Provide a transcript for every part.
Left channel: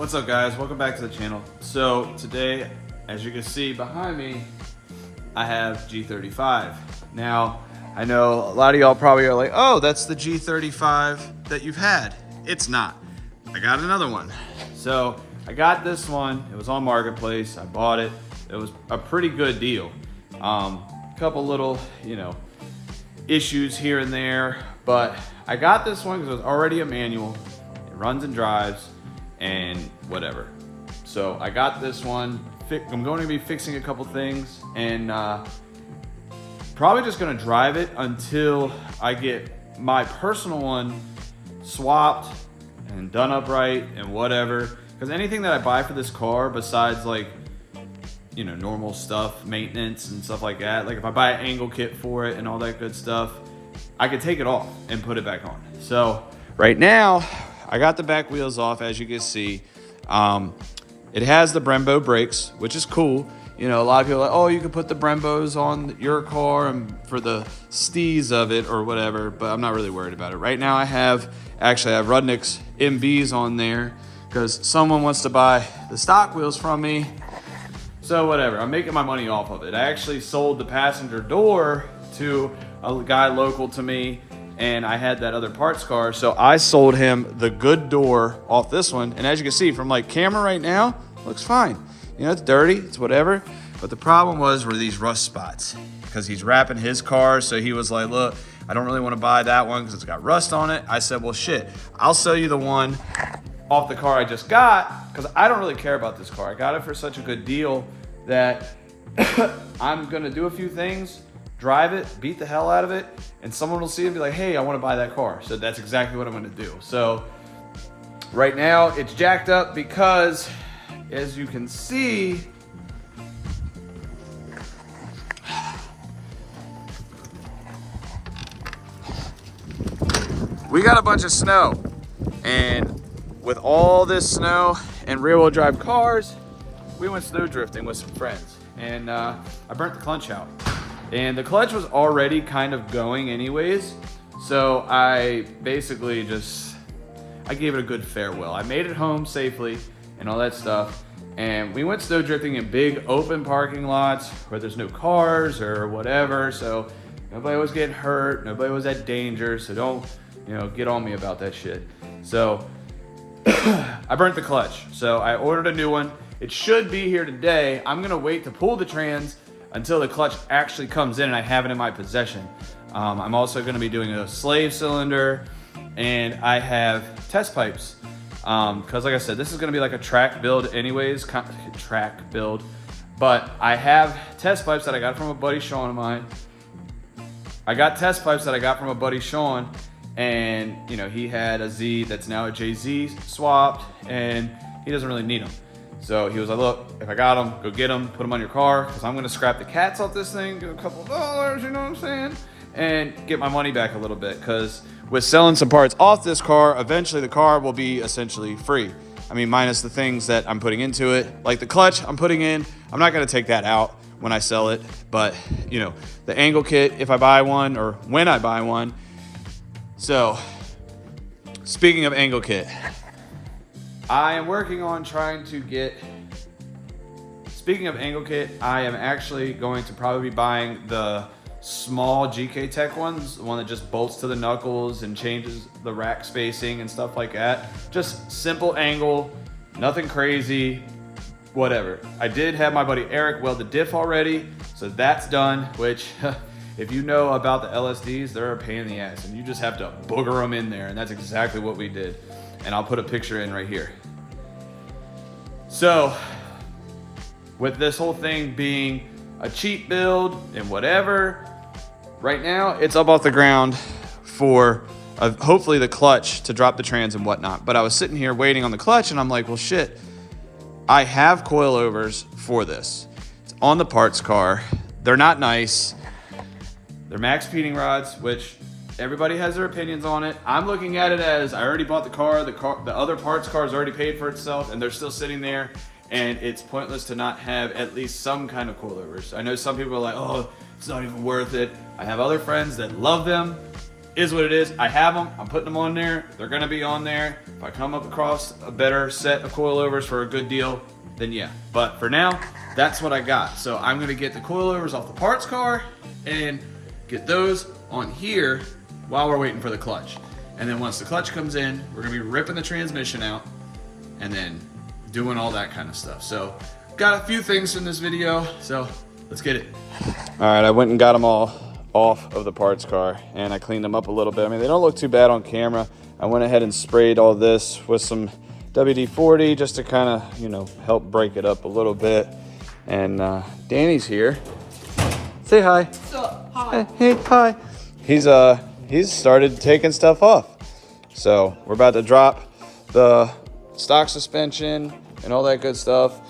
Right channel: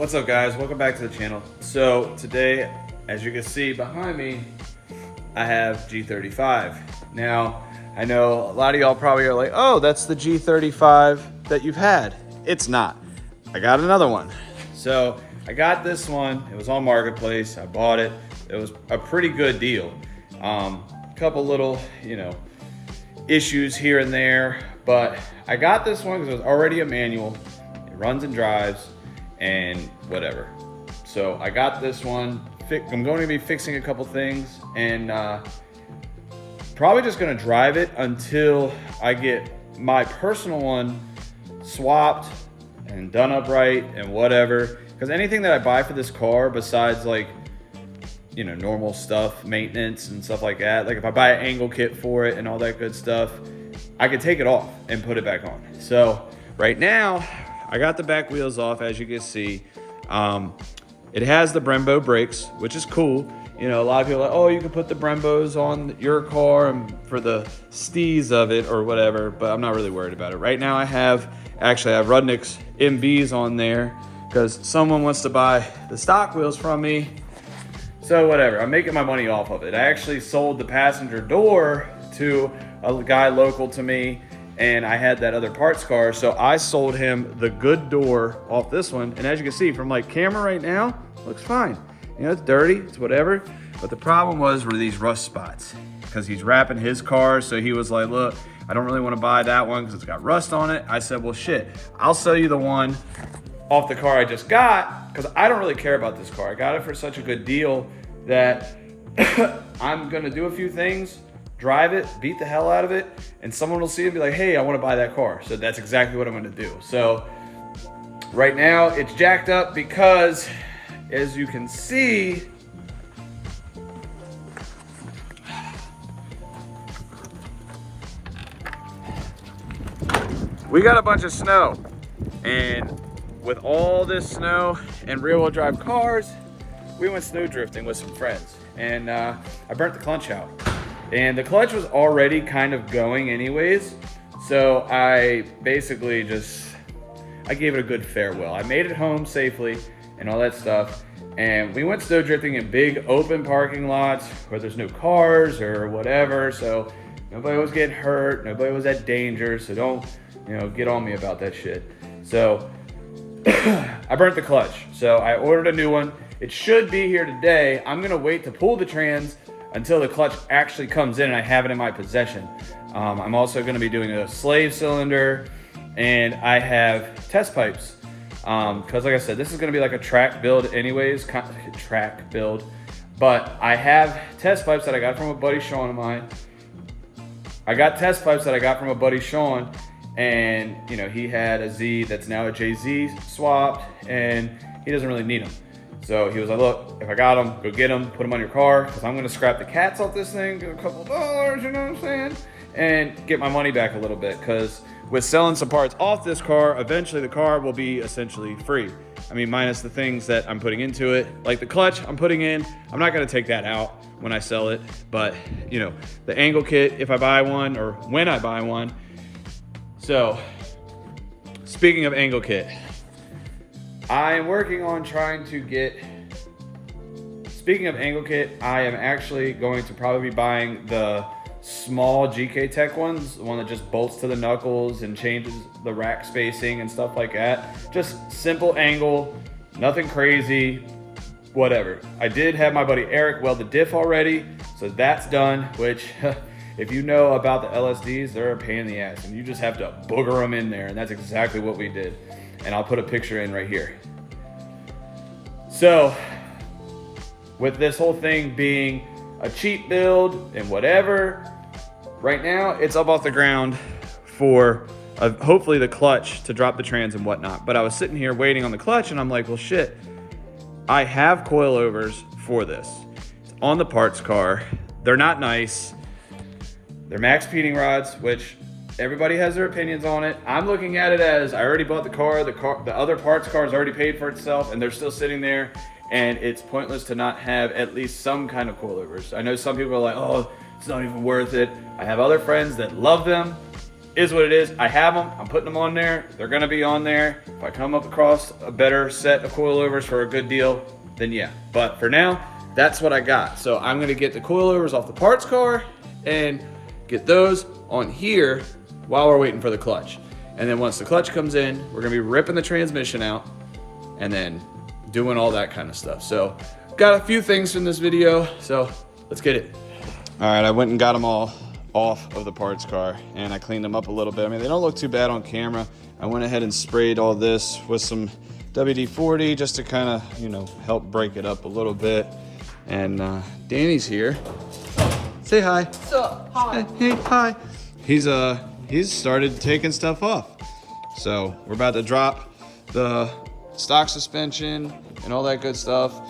What's up, guys? Welcome back to the channel. So today, as you can see behind me, I have G35. Now, I know a lot of y'all probably are like, oh, that's the G35 that you've had. It's not. I got another one. So I got this one. It was on Marketplace. I bought it. It was a pretty good deal. Couple little, issues here and there, but I got this one because it was already a manual. It runs and drives and whatever. So I got this one. I'm going to be fixing a couple things and probably just going to drive it until I get my personal one swapped and done up right and whatever. Because anything that I buy for this car, besides like, normal stuff, maintenance and stuff like that, like if I buy an angle kit for it and all that good stuff, I could take it off and put it back on. So right now, I got the back wheels off, as you can see. It has the Brembo brakes, which is cool. A lot of people are like, oh, you can put the Brembos on your car and for the steez of it or whatever, but I'm not really worried about it. Right now I have Rudnick's MBs on there because someone wants to buy the stock wheels from me. So whatever, I'm making my money off of it. I actually sold the passenger door to a guy local to me, and I had that other parts car, so I sold him the good door off this one. And as you can see from like camera right now, looks fine. It's dirty, it's whatever. But the problem were these rust spots because he's wrapping his car. So he was like, look, I don't really want to buy that one because it's got rust on it. I said, well, shit, I'll sell you the one off the car I just got because I don't really care about this car. I got it for such a good deal that I'm gonna do a few things, drive it, beat the hell out of it, and someone will see it and be like, hey, I want to buy that car. So that's exactly what I'm gonna do. So right now it's jacked up because, as you can see, we got a bunch of snow, and with all this snow and rear-wheel drive cars, we went snow drifting with some friends, and I burnt the clutch out. And the clutch was already kind of going anyways, so I basically I gave it a good farewell. I made it home safely and all that stuff, and we went snow drifting in big open parking lots where there's no cars or whatever, so nobody was getting hurt, nobody was at danger, so don't, get on me about that shit. So I burnt the clutch, so I ordered a new one. It should be here today. I'm gonna wait to pull the trans until the clutch actually comes in and I have it in my possession. I'm also gonna be doing a slave cylinder, and I have test pipes. Cause like I said, this is gonna be like a track build anyways, but I have test pipes that I got from a buddy Sean of mine. And he had a Z that's now a JZ swapped, and he doesn't really need them. So he was like, look, if I got them, go get them, put them on your car, because I'm going to scrap the cats off this thing, give a couple dollars, you know what I'm saying? And get my money back a little bit, because with selling some parts off this car, eventually the car will be essentially free. I mean, minus the things that I'm putting into it. Like the clutch I'm putting in, I'm not going to take that out when I sell it. But, the angle kit, if I buy one, or when I buy one. So, speaking of angle kit, I am working on trying to get, speaking of angle kit, I am actually going to probably be buying the small GK Tech ones, the one that just bolts to the knuckles and changes the rack spacing and stuff like that. Just simple angle, nothing crazy, whatever. I did have my buddy Eric weld the diff already, so that's done, which if you know about the LSDs, they're a pain in the ass, and you just have to booger them in there, and that's exactly what we did. And I'll put a picture in right here. So, with this whole thing being a cheap build and whatever, right now it's up off the ground for hopefully the clutch to drop the trans and whatnot. But I was sitting here waiting on the clutch, and I'm like, well, shit, I have coilovers for this. It's on the parts car. They're not nice. They're max feeding rods, which everybody has their opinions on it. I'm looking at it as I already bought the car, the other parts car is already paid for itself, and they're still sitting there, and it's pointless to not have at least some kind of coilovers. I know some people are like, oh, it's not even worth it. I have other friends that love them. is what it is. I have them, I'm putting them on there. They're gonna be on there. If I come up across a better set of coilovers for a good deal, then yeah. But for now, that's what I got. So I'm gonna get the coilovers off the parts car and get those on here while we're waiting for the clutch. And then once the clutch comes in, we're gonna be ripping the transmission out and then doing all that kind of stuff. So got a few things in this video, so let's get it. All right, I went and got them all off of the parts car and I cleaned them up a little bit. I mean, they don't look too bad on camera. I went ahead and sprayed all this with some WD-40 just to kind of, you know, help break it up a little bit. And Danny's here. Say hi. What's up? Hi. Hey, hi. He's started taking stuff off. So we're about to drop the stock suspension and all that good stuff.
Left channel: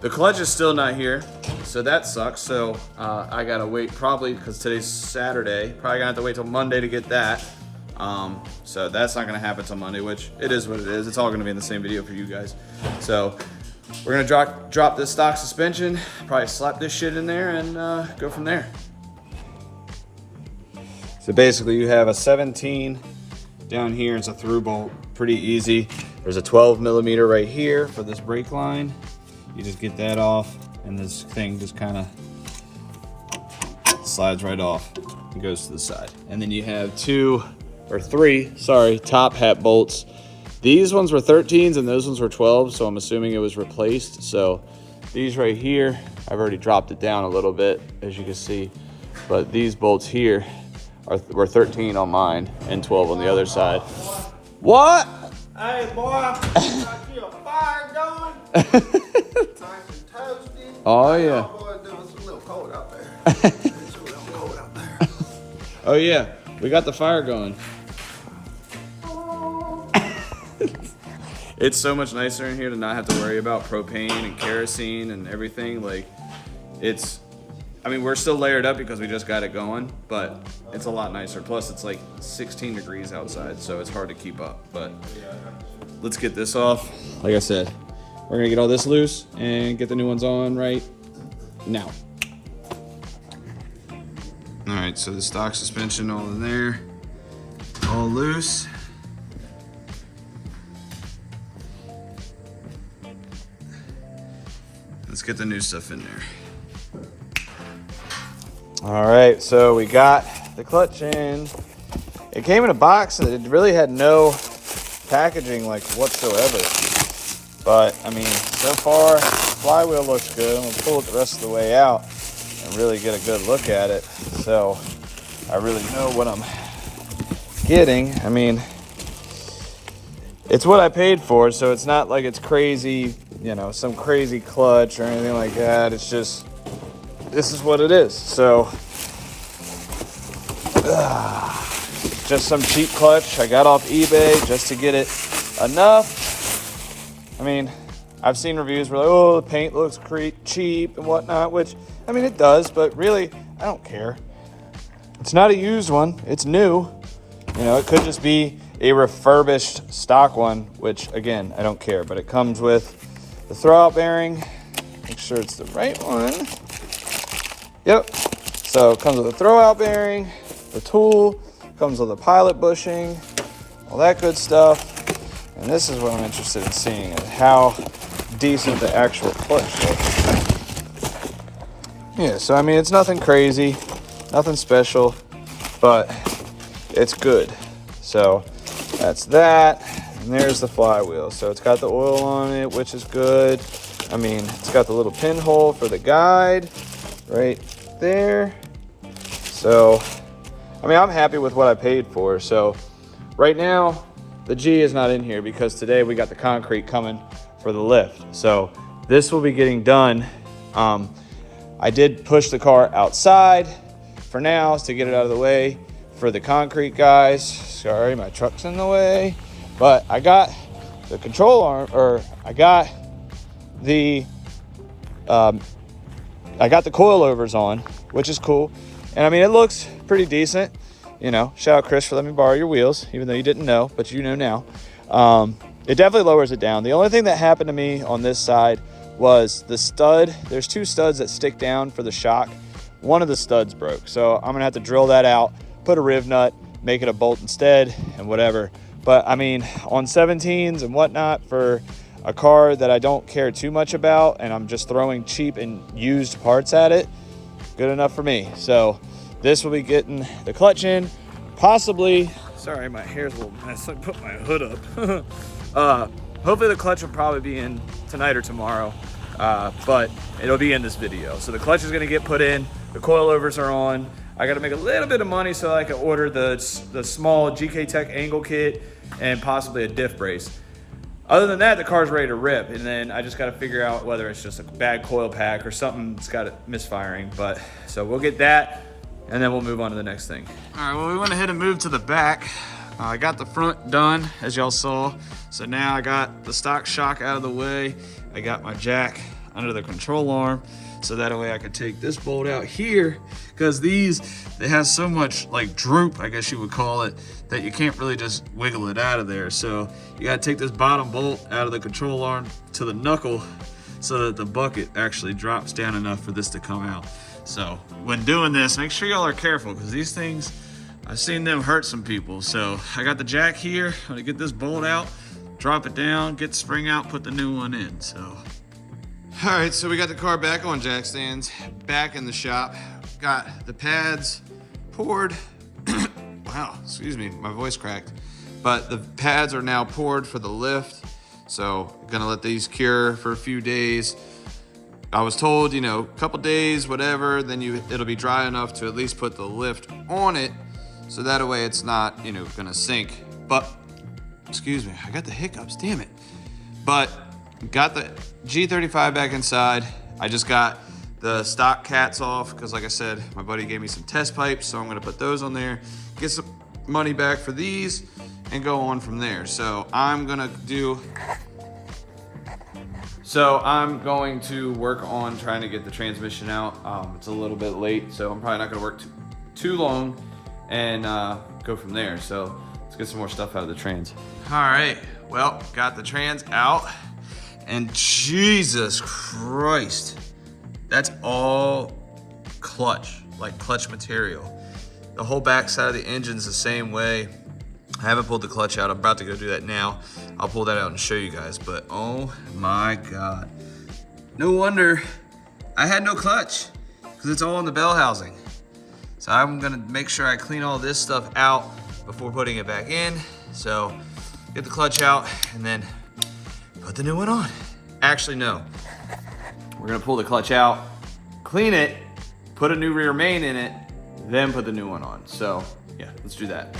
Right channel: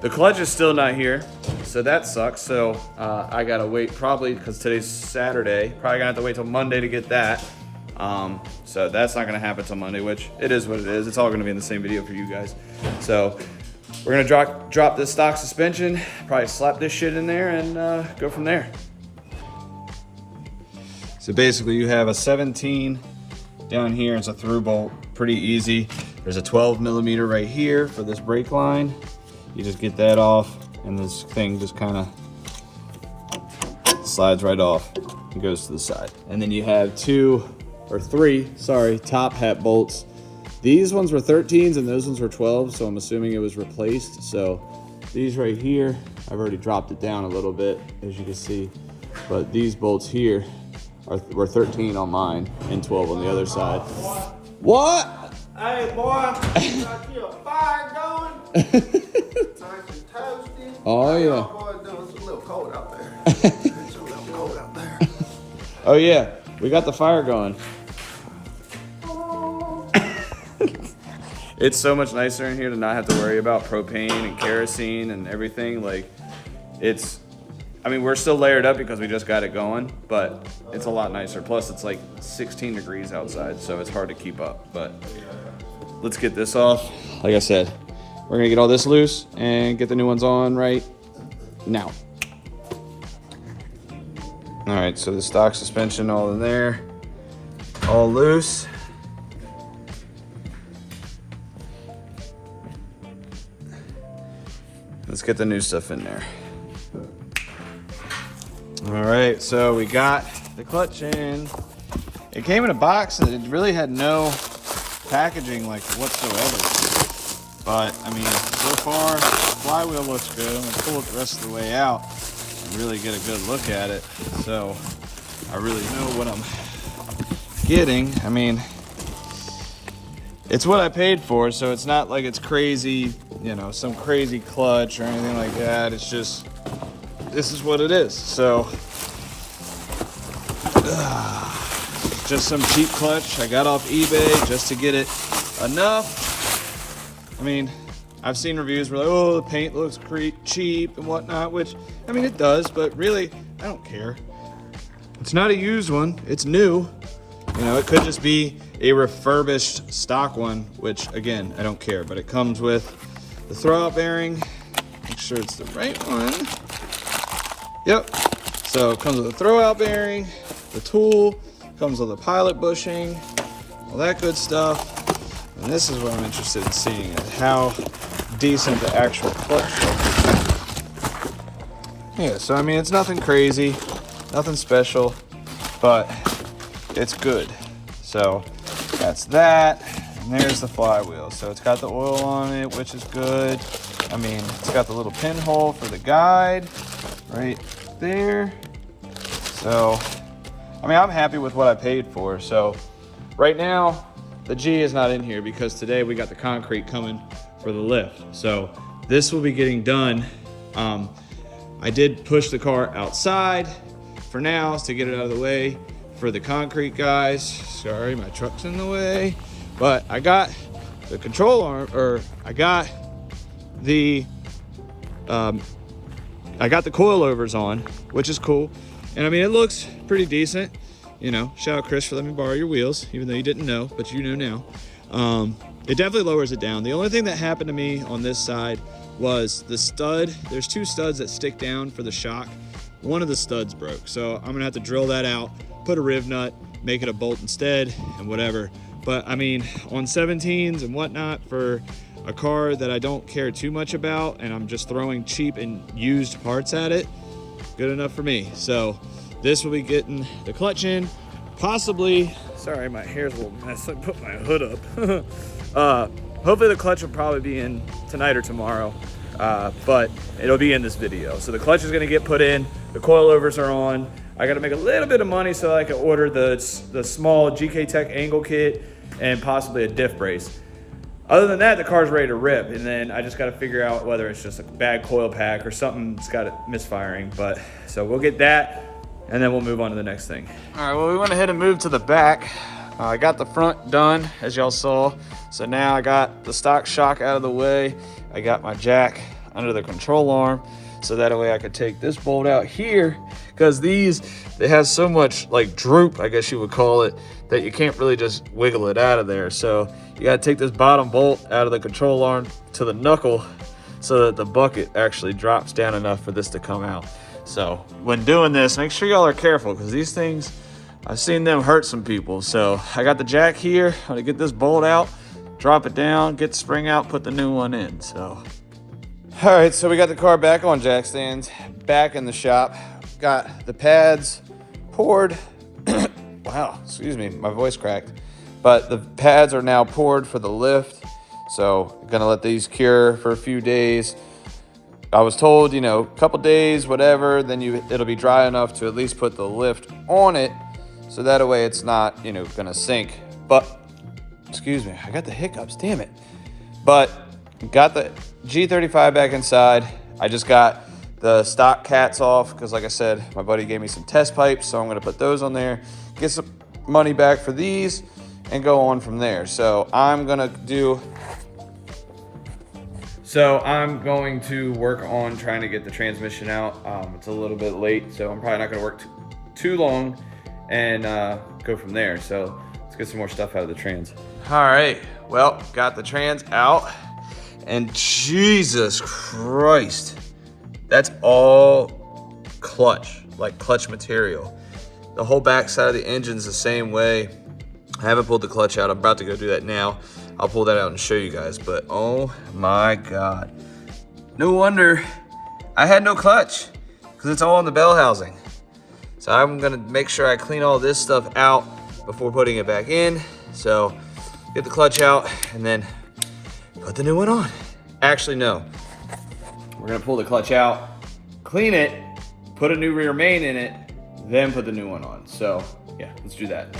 The clutch is still not here, so that sucks. So I gotta wait probably, because today's Saturday, probably gonna have to wait till Monday to get that. So that's not gonna happen till Monday, which it is what it is. It's all gonna be in the same video for you guys. So we're gonna drop this stock suspension, probably slap this shit in there and go from there. So basically you have a 17 down here, it's a through bolt, pretty easy. There's a 12 millimeter right here for this brake line. You just get that off and this thing just kind of slides right off and goes to the side. And then you have three top hat bolts. These ones were 13s and those ones were 12, so I'm assuming it was replaced. So these right here, I've already dropped it down a little bit, as you can see. But these bolts here were 13 on mine and 12 on the other side. What? Hey, boy, got you a fire going? Nice and toasty. Oh, yeah. Boy, it's a little cold out there. It's a little cold out there. Oh, yeah. We got the fire going. It's so much nicer in here to not have to worry about propane and kerosene and everything. Like, I mean, we're still layered up because we just got it going, but it's a lot nicer. Plus, it's like 16 degrees outside, so it's hard to keep up. But let's get this off. Like I said, we're gonna get all this loose and get the new ones on right now. All right, so the stock suspension all in there, all loose. Let's get the new stuff in there. All right, so we got the clutch in. It came in a box that it really had no packaging like whatsoever. But I mean, so far the flywheel looks good. I'm gonna pull it the rest of the way out and really get a good look at it. So I really know what I'm getting. I mean, it's what I paid for, so it's not like it's crazy, you know, some crazy clutch or anything like that. It's just, this is what it is. So just some cheap clutch I got off eBay just to get it enough. I mean, I've seen reviews where like, oh, the paint looks cheap and whatnot, which, I mean, it does, but really, I don't care. It's not a used one, it's new. You know, it could just be a refurbished stock one, which again, I don't care, but it comes with the throwout bearing. Make sure it's the right one. Yep. So it comes with a throwout bearing, the tool, comes with a pilot bushing, all that good stuff. And this is what I'm interested in seeing, is how decent the actual clutch looks. Yeah, so I mean, it's nothing crazy, nothing special, but it's good. So that's that. And there's the flywheel. So it's got the oil on it, which is good. I mean, it's got the little pinhole for the guide right there. So, I mean, I'm happy with what I paid for. So right now, the G is not in here because today we got the concrete coming for the lift. So this will be getting done. I did push the car outside for now to get it out of the way for the concrete guys. Sorry, my truck's in the way. But I got the control arm, or I got the coilovers on, which is cool. And I mean, it looks pretty decent. You know, shout out Chris for letting me borrow your wheels, even though you didn't know, but you know now. It definitely lowers it down. The only thing that happened to me on this side was the stud. There's two studs that stick down for the shock. One of the studs broke. So I'm gonna have to drill that out, put a riv nut make it a bolt instead and whatever. But I mean, on 17s and whatnot, for a car that I don't care too much about and I'm just throwing cheap and used parts at it, good enough for me. So this will be getting the clutch in, possibly, sorry, my hair's a little mess, I put my hood up. Hopefully the clutch will probably be in tonight or tomorrow, but it'll be in this video. So the clutch is gonna get put in, the coilovers are on. I gotta make a little bit of money so I can order the small GK Tech angle kit and possibly a diff brace. Other than that, the car's ready to rip, and then I just got to figure out whether it's just a bad coil pack or something's got it misfiring. But so we'll get that, and then we'll move on to the next thing. All right, well, we went ahead and moved to the back. I got the front done, as y'all saw. So now I got the stock shock out of the way. I got my jack under the control arm, so that way I could take this bolt out here, because they have so much like droop, I guess you would call it, that you can't really just wiggle it out of there. So you gotta take this bottom bolt out of the control arm to the knuckle so that the bucket actually drops down enough for this to come out. So when doing this, make sure y'all are careful, because these things, I've seen them hurt some people. So I got the jack here, I'm gonna get this bolt out, drop it down, get the spring out, put the new one in, so. All right, so we got the car back on jack stands, back in the shop. Got the pads poured. Wow, excuse me, my voice cracked. But the pads are now poured for the lift. So gonna let these cure for a few days. I was told, you know, a couple days, whatever, then it'll be dry enough to at least put the lift on it. So that way it's not, you know, gonna sink. But, excuse me, I got the hiccups, damn it. But got the G35 back inside. I just got the stock cats off, because like I said, my buddy gave me some test pipes, so I'm gonna put those on there, get some money back for these, and go on from there. So I'm going to work on trying to get the transmission out. It's a little bit late, so I'm probably not gonna work too long, and go from there. So let's get some more stuff out of the trans. All right, well, got the trans out, and Jesus Christ, that's all clutch, like clutch material. The whole back side of the engine's the same way. I haven't pulled the clutch out. I'm about to go do that now. I'll pull that out and show you guys, but oh my God. No wonder I had no clutch, because it's all in the bell housing. So I'm gonna make sure I clean all this stuff out before putting it back in. So get the clutch out and then put the new one on. Actually, no. We're gonna pull the clutch out, clean it, put a new rear main in it, then put the new one on. So yeah, let's do that.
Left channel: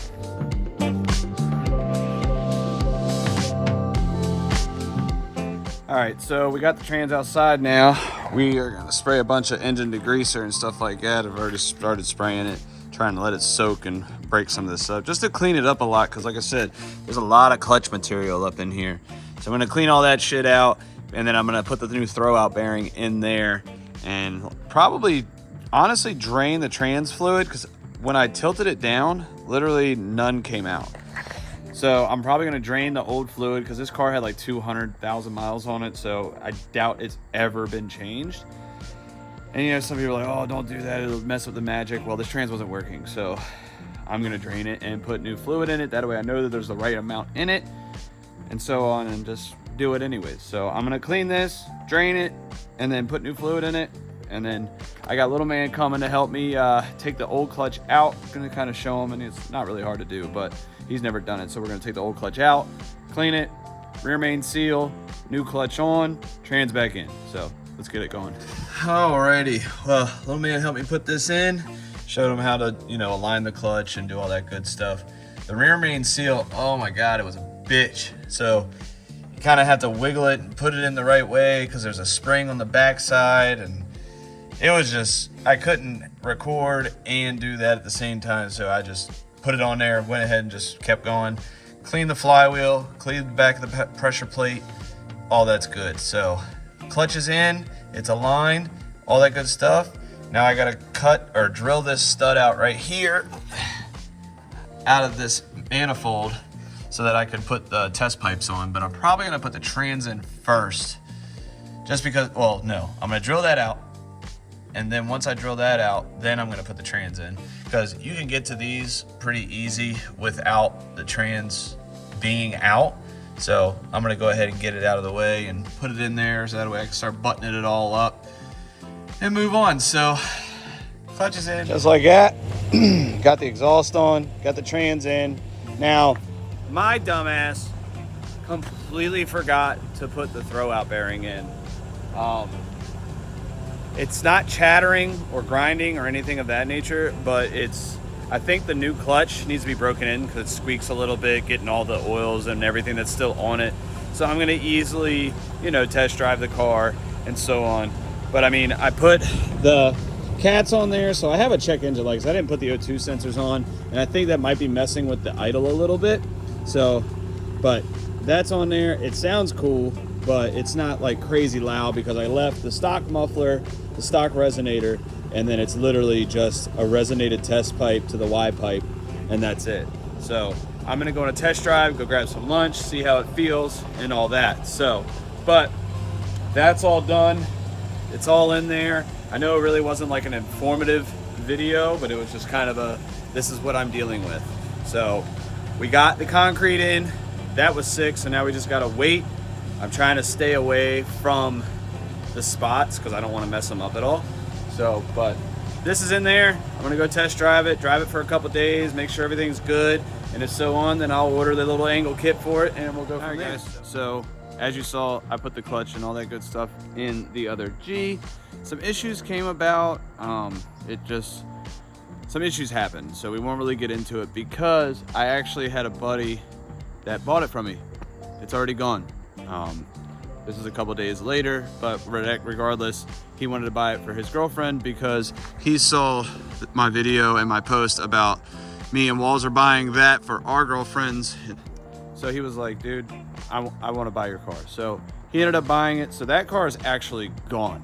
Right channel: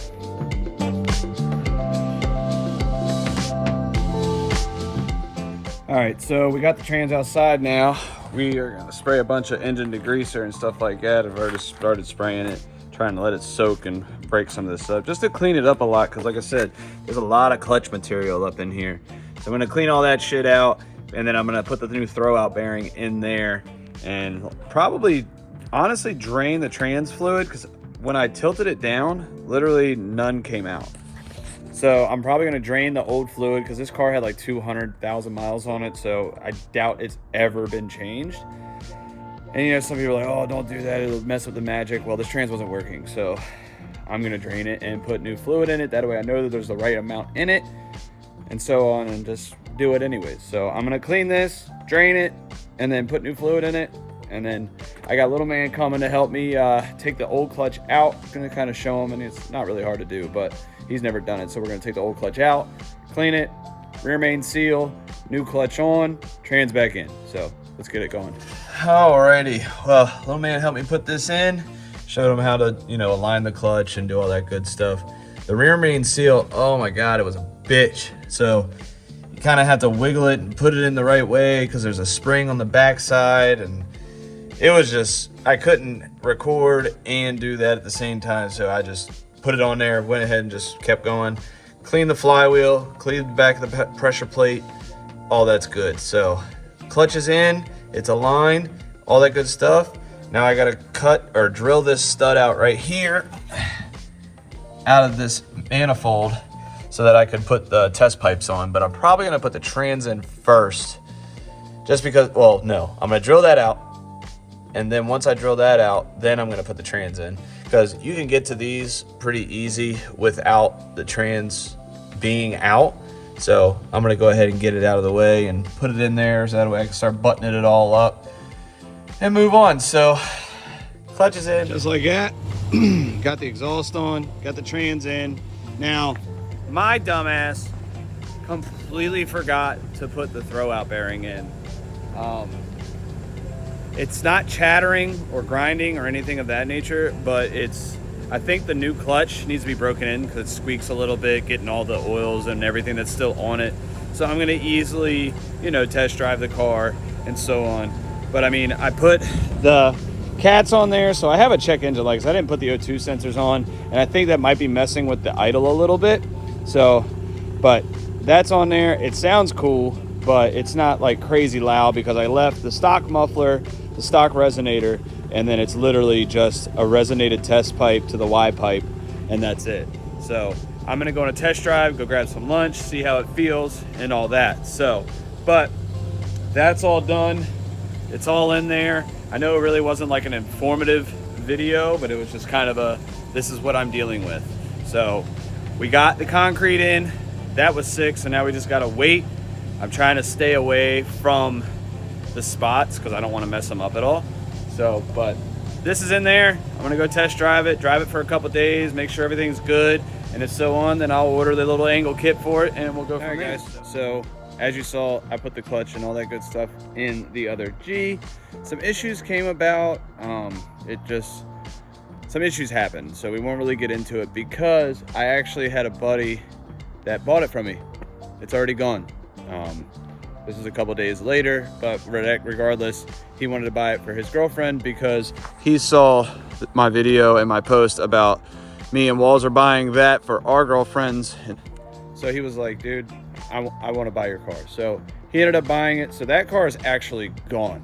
All right, so we got the trans outside now. We are gonna spray a bunch of engine degreaser and stuff like that. I've already started spraying it, trying to let it soak and break some of this up, just to clean it up a lot, because like I said, there's a lot of clutch material up in here. So I'm gonna clean all that shit out, and then I'm gonna put the new throwout bearing in there, and probably, honestly, drain the trans fluid, because when I tilted it down, literally none came out. So I'm probably gonna drain the old fluid, because this car had like 200,000 miles on it, so I doubt it's ever been changed. And you know, some people are like, oh, don't do that, it'll mess up the magic. Well, this trans wasn't working, so I'm gonna drain it and put new fluid in it. That way I know that there's the right amount in it, and so on, and just do it anyways. So I'm gonna clean this, drain it, and then put new fluid in it. And then I got little man coming to help me take the old clutch out. I'm gonna kind of show him, and it's not really hard to do, but he's never done it. So we're gonna take the old clutch out, clean it, rear main seal, new clutch on, trans back in. So let's get it going. Alrighty, well, little man helped me put this in, showed him how to, you know, align the clutch and do all that good stuff. The rear main seal, oh my God, it was a bitch. So you kind of have to wiggle it and put it in the right way, because there's a spring on the back side, and it was just, I couldn't record and do that at the same time. So I just put it on there, went ahead and just kept going. Cleaned the flywheel, cleaned the back of the pressure plate, all that's good. So clutch is in, it's aligned, all that good stuff. Now I gotta cut or drill this stud out right here out of this manifold so that I can put the test pipes on. But I'm probably gonna put the trans in first, just because, well, no, I'm gonna drill that out. And then once I drill that out, then I'm gonna put the trans in. because you can get to these pretty easy without the trans being out. So I'm gonna go ahead and get it out of the way and put it in there so that way I can start buttoning it all up and move on. So clutch is in. Just like that. Got the exhaust on, got the trans in. Now, my dumbass completely forgot to put the throwout bearing in. It's not chattering or grinding or anything of that nature, but I think the new clutch needs to be broken in because it squeaks a little bit, getting all the oils and everything that's still on it. So I'm gonna easily, test drive the car and so on. But I mean, I put the cats on there, so I have a check engine light because I didn't put the O2 sensors on, and I think that might be messing with the idle a little bit. So, but that's on there. It sounds cool, but it's not like crazy loud because I left the stock muffler, the stock resonator, and then it's literally just a resonated test pipe to the Y pipe, and that's it. So I'm gonna go on a test drive, go grab some lunch, see how it feels and all that. So, but that's all done. It's all in there. I know it really wasn't like an informative video, but it was just kind of this is what I'm dealing with. So we got the concrete in, that was sick, so now we just gotta wait. I'm trying to stay away from the spots because I don't want to mess them up at all. So, but this is in there. I'm gonna go test drive it for a couple days, make sure everything's good, and if so on, then I'll order the little angle kit for it and we'll go from there. So as you saw, I put the clutch and all that good stuff in the other G. Some issues came about. Some issues happened, so we won't really get into it because I actually had a buddy that bought it from me. It's already gone. This is a couple days later, but regardless, he wanted to buy it for his girlfriend because he saw my video and my post about me and Walzer buying that for our girlfriends. So he was like, dude, I want to buy your car. So he ended up buying it. So that car is actually gone.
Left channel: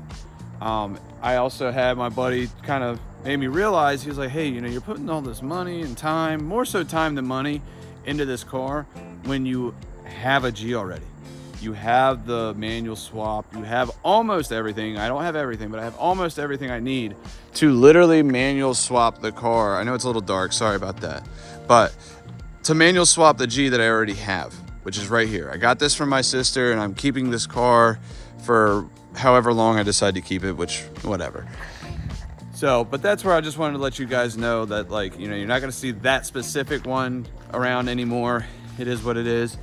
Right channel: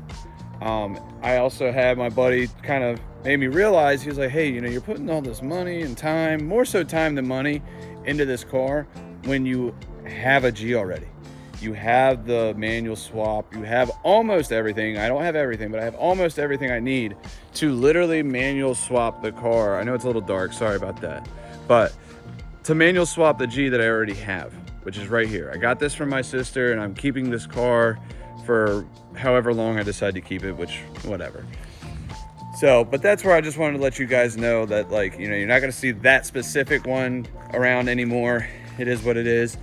I also had my buddy kind of made me realize, he was like, hey, you're putting all this money and time, more so time than money, into this car when you have a G already. You have the manual swap, you have almost everything. I don't have everything, but I have almost everything I need to literally manual swap the car. I know it's a little dark, sorry about that. But to manual swap the G that I already have, which is right here. I got this from my sister and I'm keeping this car for however long I decide to keep it, which, whatever. So, but that's where I just wanted to let you guys know that, like, you're not gonna see that specific one around anymore. It is what it is.